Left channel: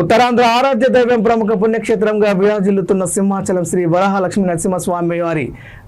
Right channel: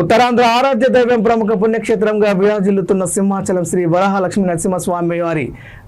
ఉత్తరాంధ్ర ఆరాధ్య దైవం ప్రముఖ పుణ్యక్షేత్రంగా విరాజిల్లుతున్న సింహాచలం శ్రీ వరాహలక్ష్మీ నరసింహస్వామి వారి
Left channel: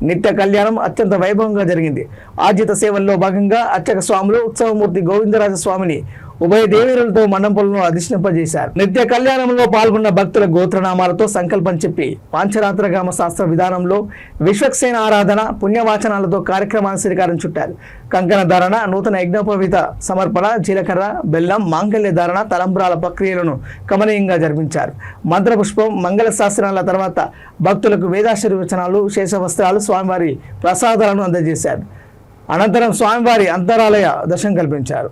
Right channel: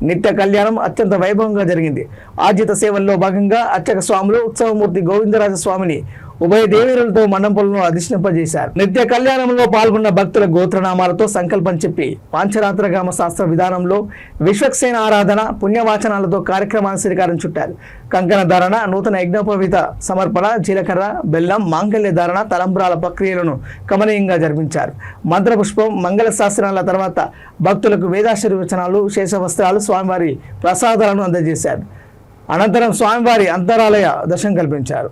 నిత్య కళ్యాణం అత్యంత వైభవంగా జరిగింది. ఆర్జిత సేవల్లో భాగంగా అర్చక స్వాములు ఉత్సవమూర్తి గోవిందరాజ స్వామిని ఉభయ దేవీరులతో మండపంలో అధిష్టింపజేశారు. నిత్య కళ్యాణంలో పాల్గొన్న భక్తుల గోత్రనామాలతో సంకల్పం చెప్పి పాంచరాత్రగామ శాస్త్ర విధానంలో విశ్వక్సేన ఆరాధన పుణ్యవాచనాలతో కార్యక్రమాన్ని శ్రీకారం చుట్టారు. కంకణ ధారణ, నూతన యజ్ఞోపవీత సమర్పణ, జీలకర్ర, బెల్లం, మాంగళ్య ధారణ, తలంబ్రాల ప్రక్రియలను కమనీయంగా జరిపించారు. మంత్రపుష్పం, మంగళ శాస్త్రాల తర్వాత భక్తులకు వేదాశీర్వచనాలు, శేషవస్త్రాలు, స్వామివారి ప్రసాదాలను అందజేశారు. అనంతరం స్వామివారి అంతరాలయ దర్శనం కల్పించారు.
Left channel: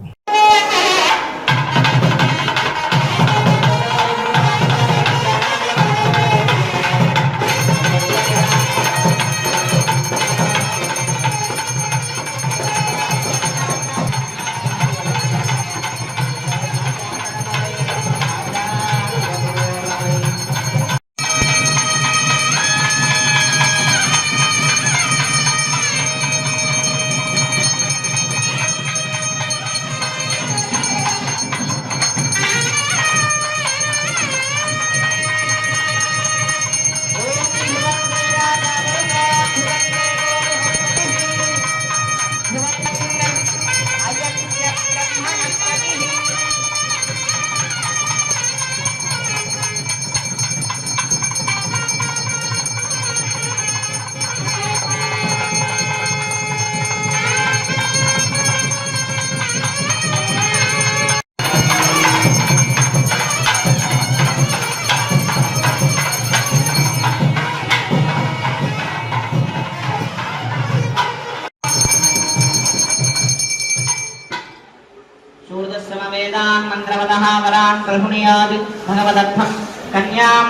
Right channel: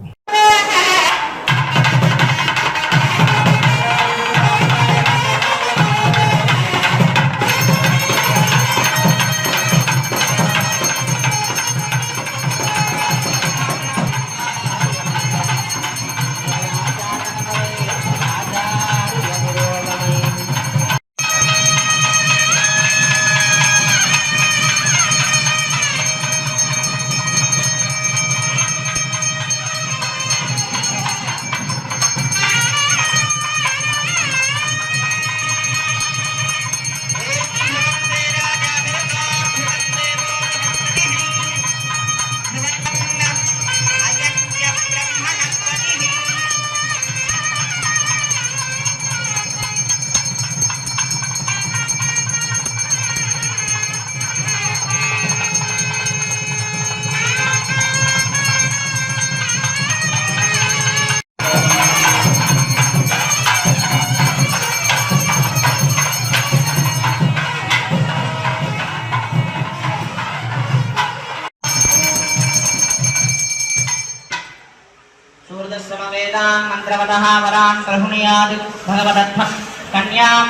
सूर्यश्रमवेदान् मन्त्रवतः वरान् गृह्णीयात् भगवदर्थं कन्यां